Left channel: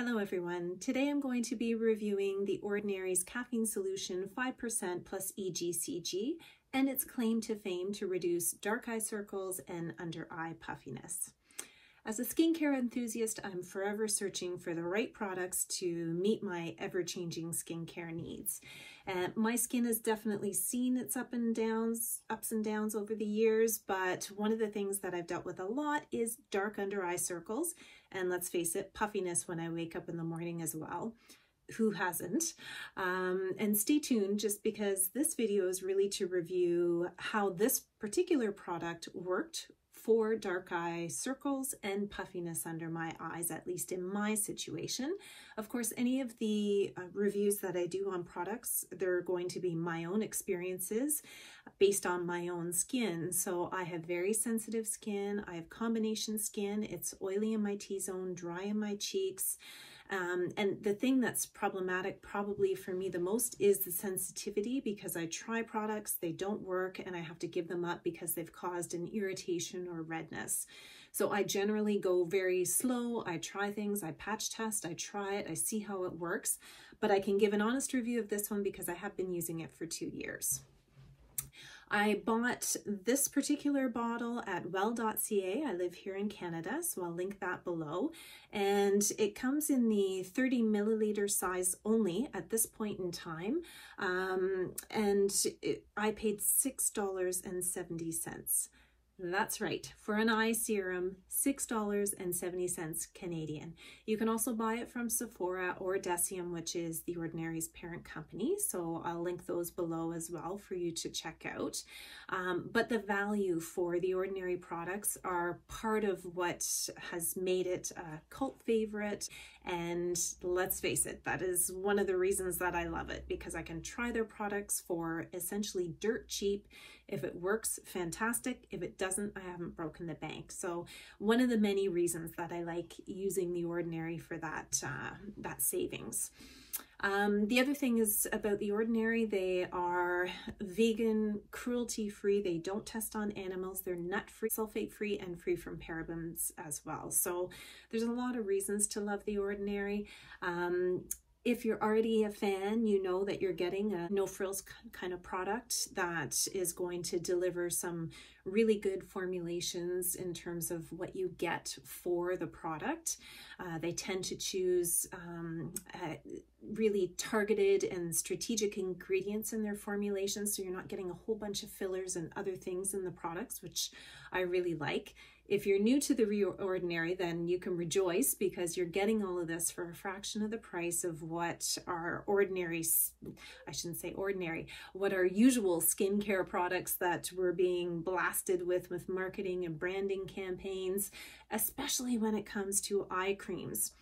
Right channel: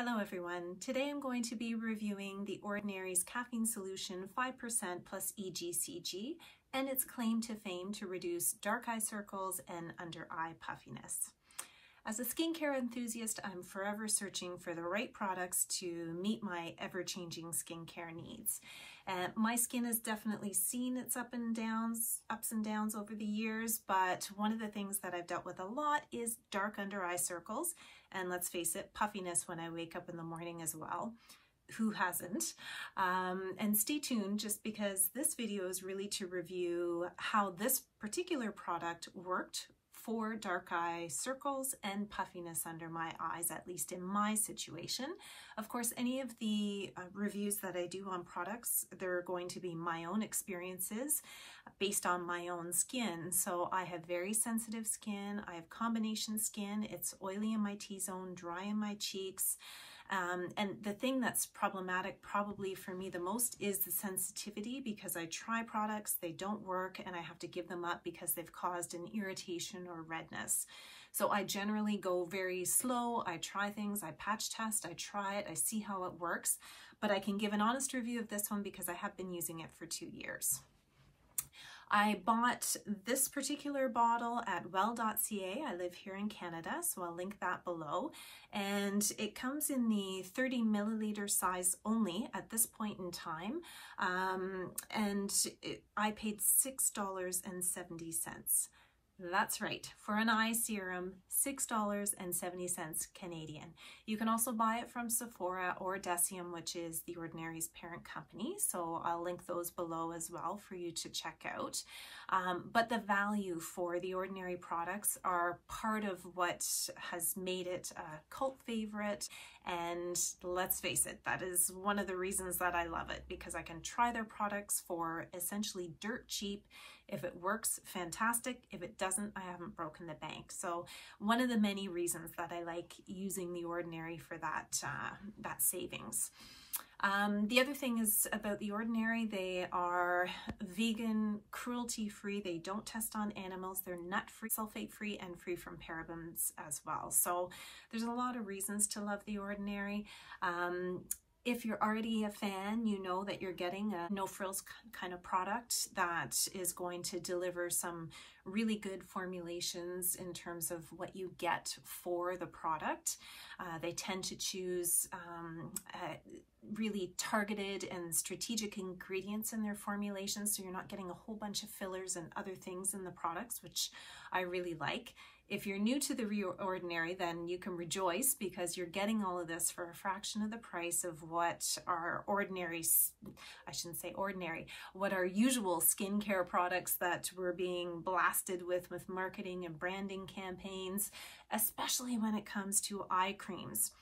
Hello everyone. Today I'm going to be reviewing the Ordinary's Caffeine Solution 5% plus EGCG and its claim to fame to reduce dark eye circles and under eye puffiness. As a skincare enthusiast, I'm forever searching for the right products to meet my ever-changing skincare needs. My skin has definitely seen its ups and downs over the years, but one of the things that I've dealt with a lot is dark under eye circles, and let's face it, puffiness when I wake up in the morning as well. Who hasn't? And stay tuned, just because this video is really to review how this particular product worked for dark eye circles and puffiness under my eyes, at least in my situation. Of course, any of the reviews that I do on products, they're going to be my own experiences based on my own skin. So I have very sensitive skin. I have combination skin. It's oily in my T-zone, dry in my cheeks. And the thing that's problematic probably for me the most is the sensitivity, because I try products, they don't work, and I have to give them up because they've caused an irritation or redness. So I generally go very slow. I try things, I patch test, I try it, I see how it works, but I can give an honest review of this one because I have been using it for 2 years. I bought this particular bottle at well.ca. I live here in Canada, so I'll link that below. And it comes in the 30 milliliter size only at this point in time. I paid $6.70. That's right, for an eye serum, $6.70 Canadian. You can also buy it from Sephora or Decium, which is the Ordinary's parent company. So I'll link those below as well for you to check out. But the value for the Ordinary products are part of what has made it a cult favorite. And let's face it, that is one of the reasons that I love it, because I can try their products for essentially dirt cheap. If it works, fantastic. If it doesn't, I haven't broken the bank. So one of the many reasons that I like using the Ordinary for that, that savings. The other thing is about the Ordinary, they are vegan, cruelty-free. They don't test on animals. They're nut-free, sulfate-free, and free from parabens as well. So there's a lot of reasons to love the Ordinary. If you're already a fan, you know that you're getting a no-frills kind of product that is going to deliver some really good formulations in terms of what you get for the product. They tend to choose really targeted and strategic ingredients in their formulations, so you're not getting a whole bunch of fillers and other things in the products, which I really like. If you're new to the Ordinary, then you can rejoice, because you're getting all of this for a fraction of the price of what our ordinary, I shouldn't say ordinary, what our usual skincare products that we're being blasted with marketing and branding campaigns, especially when it comes to eye creams.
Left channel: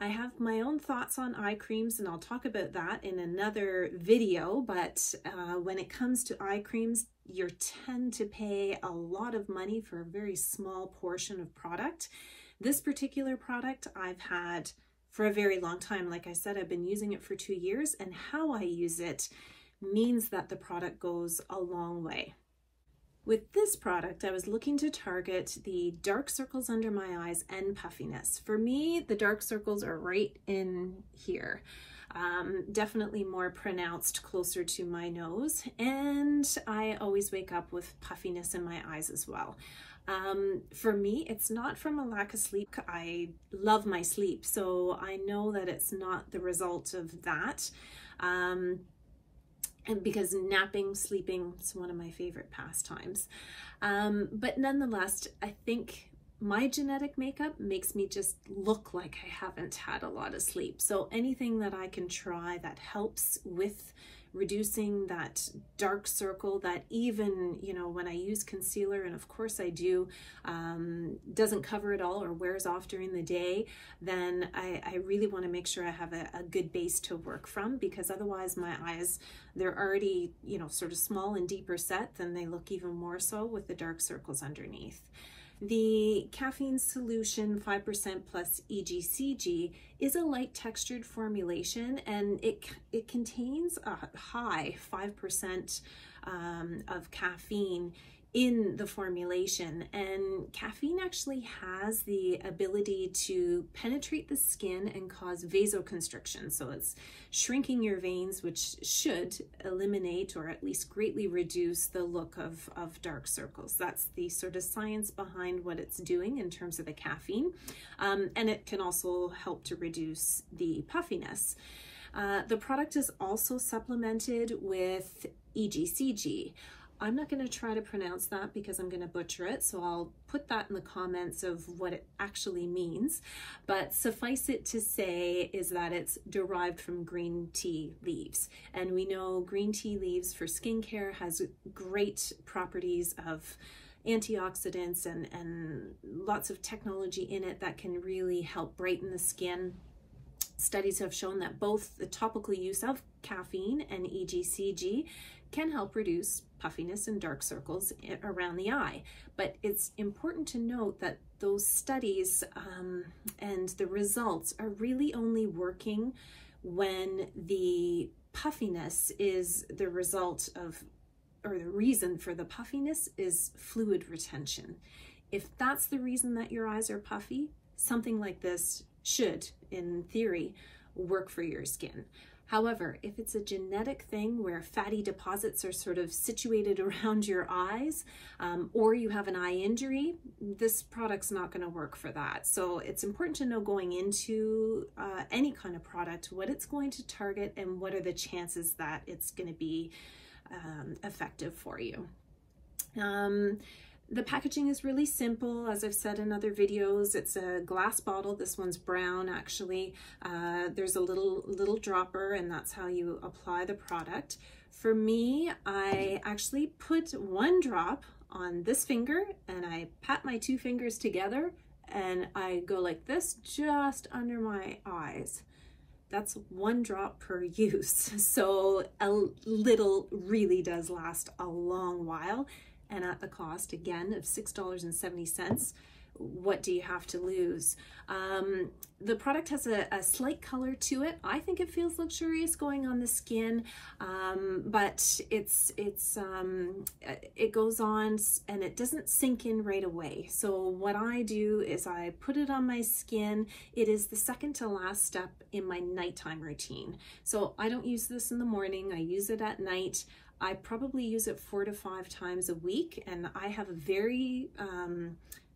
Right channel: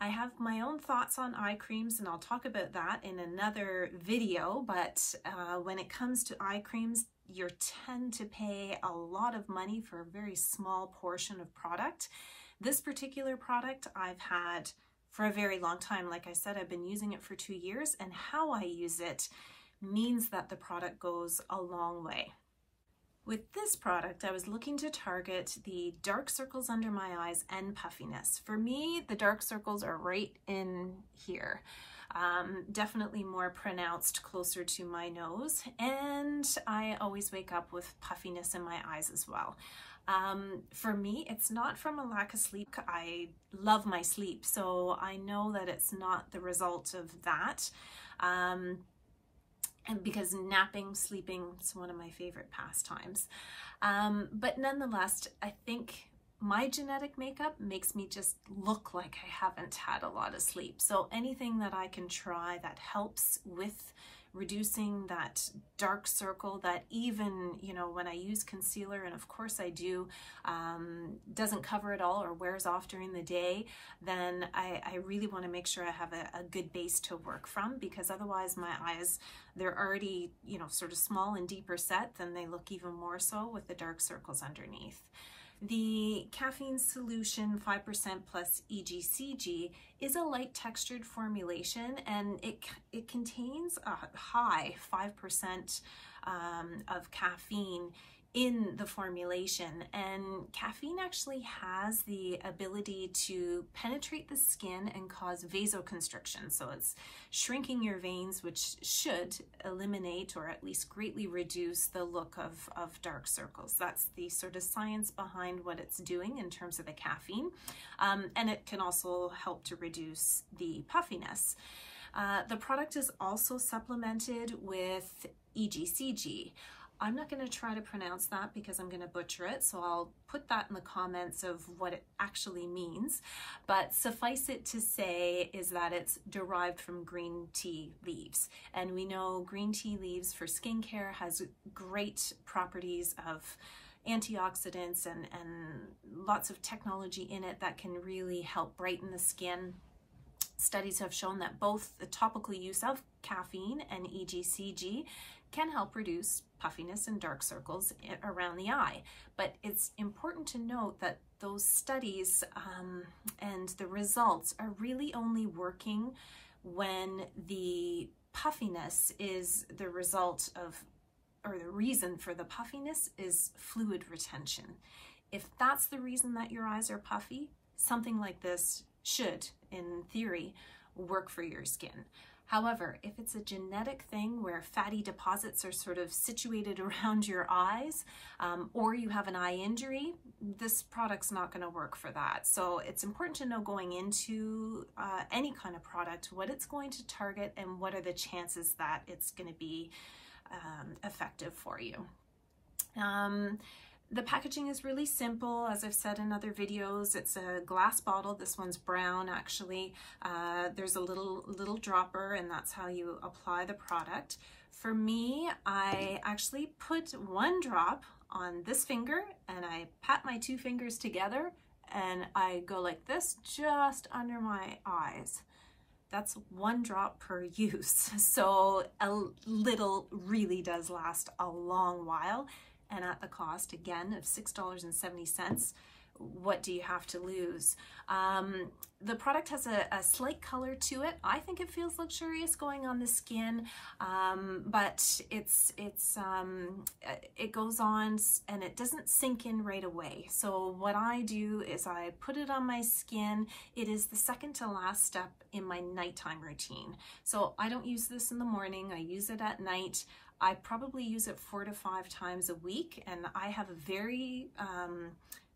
I have my own thoughts on eye creams, and I'll talk about that in another video, but when it comes to eye creams, you tend to pay a lot of money for a very small portion of product. This particular product I've had for a very long time. Like I said, I've been using it for 2 years, and how I use it means that the product goes a long way. With this product, I was looking to target the dark circles under my eyes and puffiness. For me, the dark circles are right in here. Definitely more pronounced closer to my nose, and I always wake up with puffiness in my eyes as well. For me, it's not from a lack of sleep. I love my sleep, so I know that it's not the result of that. And because napping, sleeping is one of my favorite pastimes. But nonetheless, I think my genetic makeup makes me just look like I haven't had a lot of sleep. So anything that I can try that helps with reducing that dark circle that, even, you know, when I use concealer, and of course I do, doesn't cover it all or wears off during the day, then I really want to make sure I have a good base to work from, because otherwise my eyes, they're already, you know, sort of small and deeper set, then they look even more so with the dark circles underneath. The Caffeine Solution 5% plus EGCG is a light textured formulation, and it contains a high 5% of caffeine in the formulation, and caffeine actually has the ability to penetrate the skin and cause vasoconstriction. So it's shrinking your veins, which should eliminate or at least greatly reduce the look of dark circles. That's the sort of science behind what it's doing in terms of the caffeine. And it can also help to reduce the puffiness. The product is also supplemented with EGCG. I'm not going to try to pronounce that because I'm going to butcher it, so I'll put that in the comments of what it actually means. But suffice it to say is that it's derived from green tea leaves. And we know green tea leaves for skincare has great properties of antioxidants and lots of technology in it that can really help brighten the skin. Studies have shown that both the topical use of caffeine and EGCG can help reduce puffiness and dark circles around the eye. But it's important to note that those studies and the results are really only working when the puffiness is the result of, or the reason for the puffiness is fluid retention. If that's the reason that your eyes are puffy, something like this should, in theory, work for your skin. However, if it's a genetic thing where fatty deposits are sort of situated around your eyes, or you have an eye injury, this product's not going to work for that. So it's important to know going into any kind of product what it's going to target and what are the chances that it's going to be effective for you. The packaging is really simple. As I've said in other videos, it's a glass bottle. This one's brown, actually. There's a little dropper, and that's how you apply the product. For me, I actually put one drop on this finger, and I pat my two fingers together, and I go like this, just under my eyes. That's one drop per use. So a little really does last a long while. And at the cost, again, of $6.70, what do you have to lose? The product has a slight color to it. I think it feels luxurious going on the skin, but it goes on and it doesn't sink in right away. So what I do is I put it on my skin. It is the second to last step in my nighttime routine. So I don't use this in the morning. I use it at night. I probably use it 4 to 5 times a week, and I have a very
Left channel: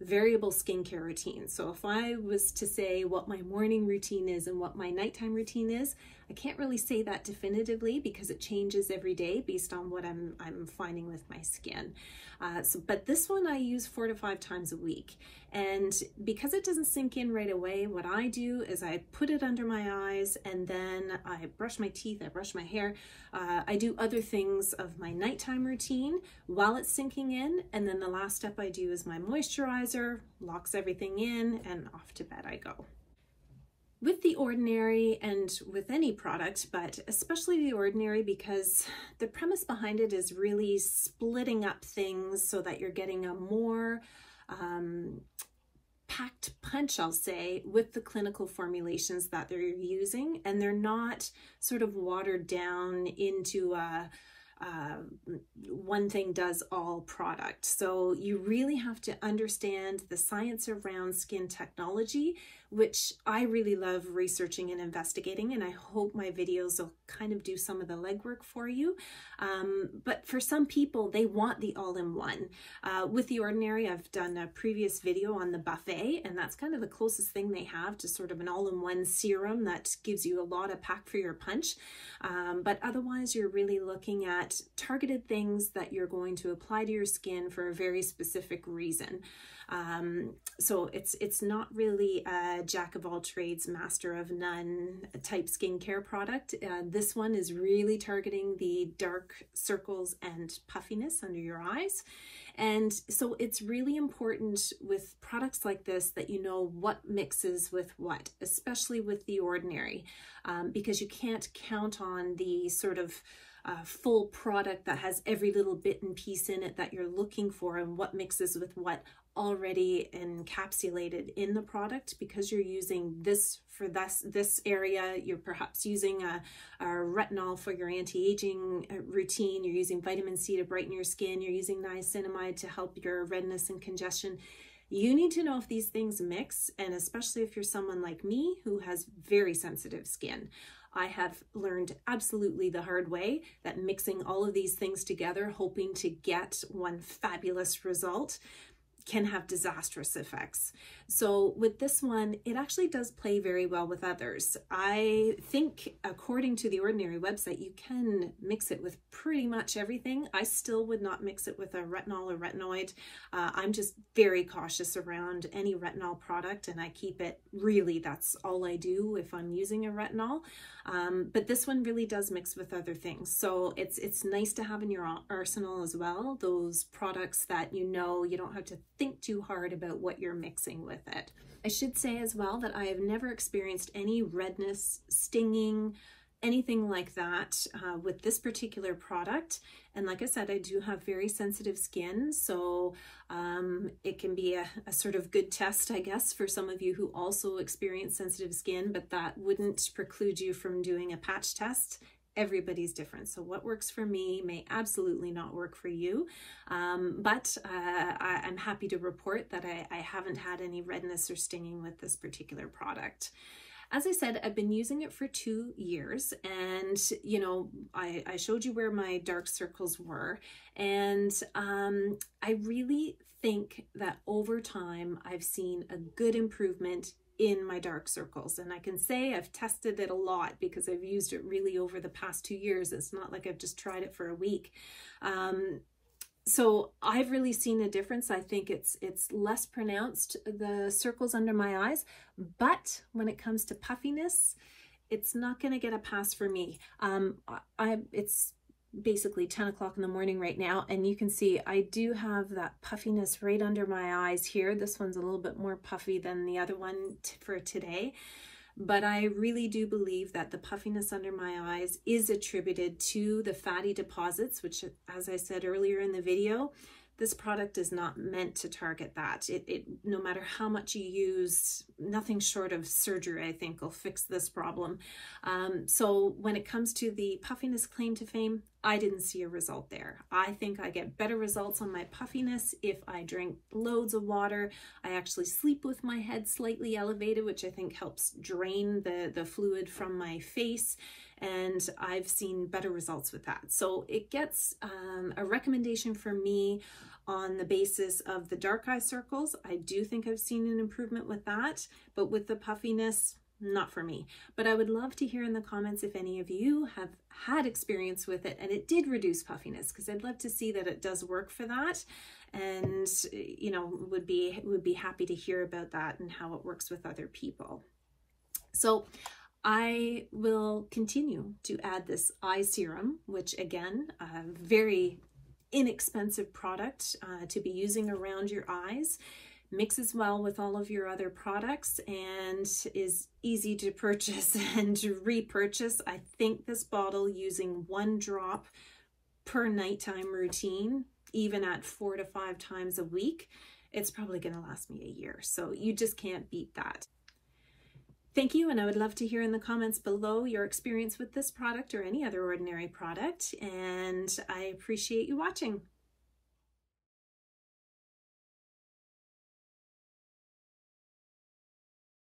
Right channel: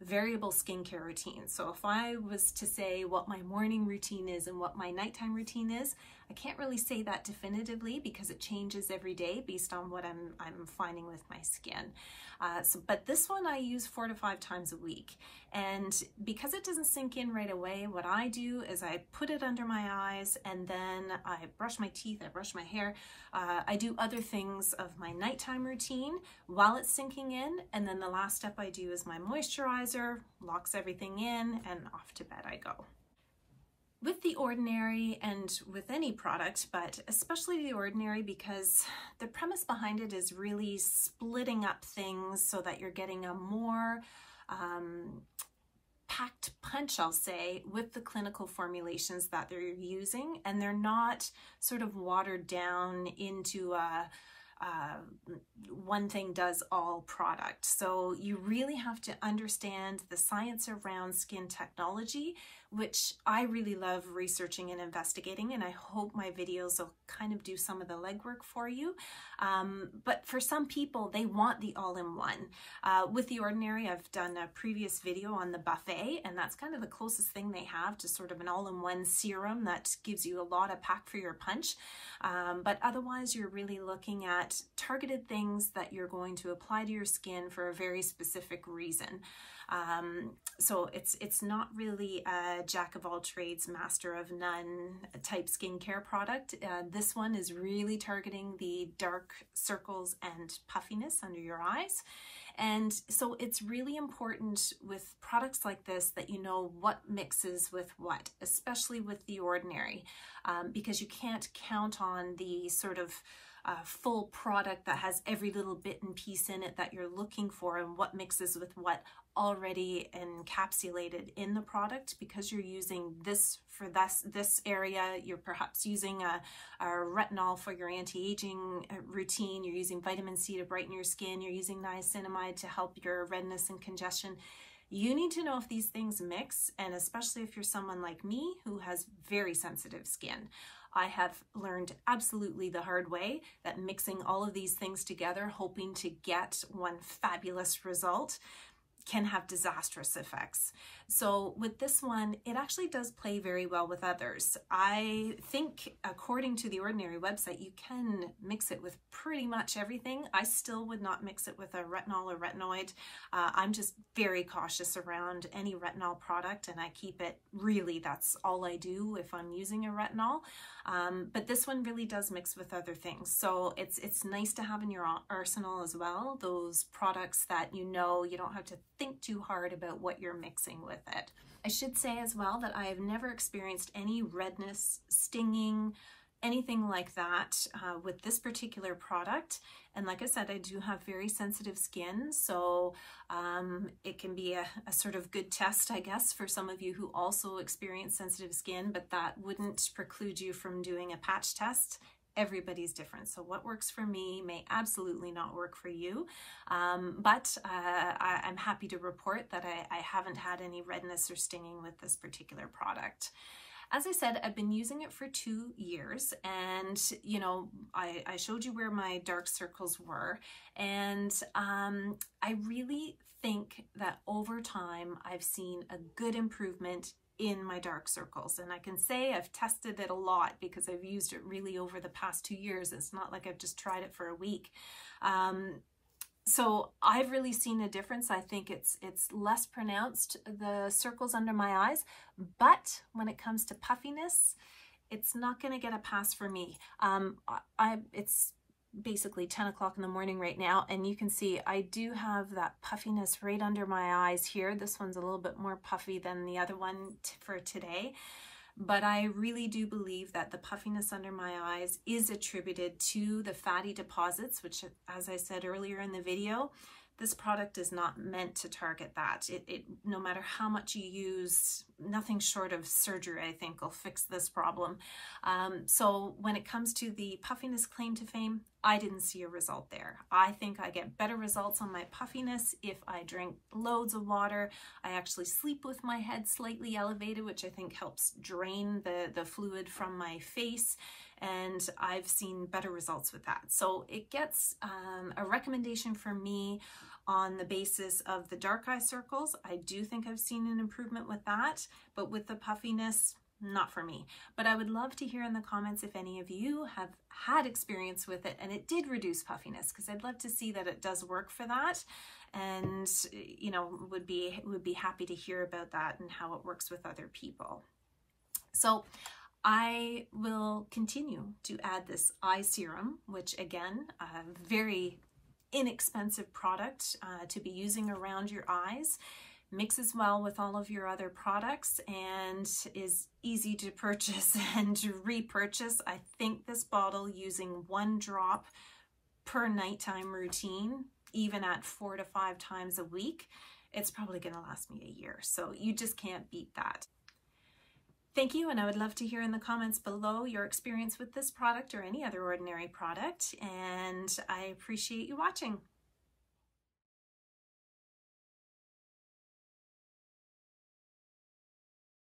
variable skincare routine. So if I was to say what my morning routine is and what my nighttime routine is, I can't really say that definitively because it changes every day based on what I'm finding with my skin. But this one I use 4 to 5 times a week. And because it doesn't sink in right away, what I do is I put it under my eyes, and then I brush my teeth, I brush my hair. I do other things of my nighttime routine while it's sinking in. And then the last step I do is my moisturizer, locks everything in, and off to bed I go. With the Ordinary, and with any product, but especially the Ordinary, because the premise behind it is really splitting up things so that you're getting a more packed punch, I'll say, with the clinical formulations that they're using, and they're not sort of watered down into a one thing does all product. So you really have to understand the science around skin technology, which I really love researching and investigating, and I hope my videos will kind of do some of the legwork for you. But for some people, they want the all-in-one. With the Ordinary, I've done a previous video on the buffet, and that's kind of the closest thing they have to sort of an all-in-one serum that gives you a lot of pack for your punch. But otherwise, you're really looking at targeted things that you're going to apply to your skin for a very specific reason. So it's not really a jack of all trades, master of none type skincare product. This one is really targeting the dark circles and puffiness under your eyes. And so it's really important with products like this that you know what mixes with what, especially with the Ordinary, because you can't count on the sort of full product that has every little bit and piece in it that you're looking for and what mixes with what already encapsulated in the product. Because you're using this for this area, you're perhaps using a retinol for your anti-aging routine, you're using vitamin C to brighten your skin, you're using niacinamide to help your redness and congestion. You need to know if these things mix, and especially if you're someone like me who has very sensitive skin. I have learned absolutely the hard way that mixing all of these things together, hoping to get one fabulous result, can have disastrous effects. So with this one, it actually does play very well with others. I think according to the Ordinary website, you can mix it with pretty much everything. I still would not mix it with a retinol or retinoid. I'm just very cautious around any retinol product, and I keep it really, that's all I do if I'm using a retinol. But this one really does mix with other things. So it's nice to have in your arsenal as well, those products that you know you don't have to think too hard about what you're mixing with it. I should say as well that I have never experienced any redness, stinging, anything like that with this particular product. And like I said, I do have very sensitive skin, so it can be a sort of good test, I guess, for some of you who also experience sensitive skin, but that wouldn't preclude you from doing a patch test. Everybody's different. So what works for me may absolutely not work for you. But I'm happy to report that I haven't had any redness or stinging with this particular product. As I said, I've been using it for 2 years, and you know, I showed you where my dark circles were, and I really think that over time I've seen a good improvement in my dark circles. And I can say I've tested it a lot because I've used it really over the past 2 years. It's not like I've just tried it for a week. So I've really seen a difference. I think it's less pronounced, the circles under my eyes, but when it comes to puffiness, it's not going to get a pass for me. It's basically 10 o'clock in the morning right now, and you can see I do have that puffiness right under my eyes here. This one's a little bit more puffy than the other one for today, but I really do believe that the puffiness under my eyes is attributed to the fatty deposits, which, as I said earlier in the video, this product is not meant to target that. No matter how much you use, nothing short of surgery, I think, will fix this problem. So when it comes to the puffiness claim to fame, I didn't see a result there. I think I get better results on my puffiness if I drink loads of water. I actually sleep with my head slightly elevated, which I think helps drain the fluid from my face. And I've seen better results with that. So it gets a recommendation from me on the basis of the dark eye circles. I do think I've seen an improvement with that, but with the puffiness, not for me. But I would love to hear in the comments if any of you have had experience with it and it did reduce puffiness, because I'd love to see that it does work for that. And, you know, would be happy to hear about that and how it works with other people. So I will continue to add this eye serum, which again, a very inexpensive product to be using around your eyes, mixes well with all of your other products, and is easy to purchase and repurchase. I think this bottle, using 1 drop per nighttime routine, even at 4 to 5 times a week, it's probably going to last me a year. So you just can't beat that. Thank you, and I would love to hear in the comments below your experience with this product or any other Ordinary product, and I appreciate you watching.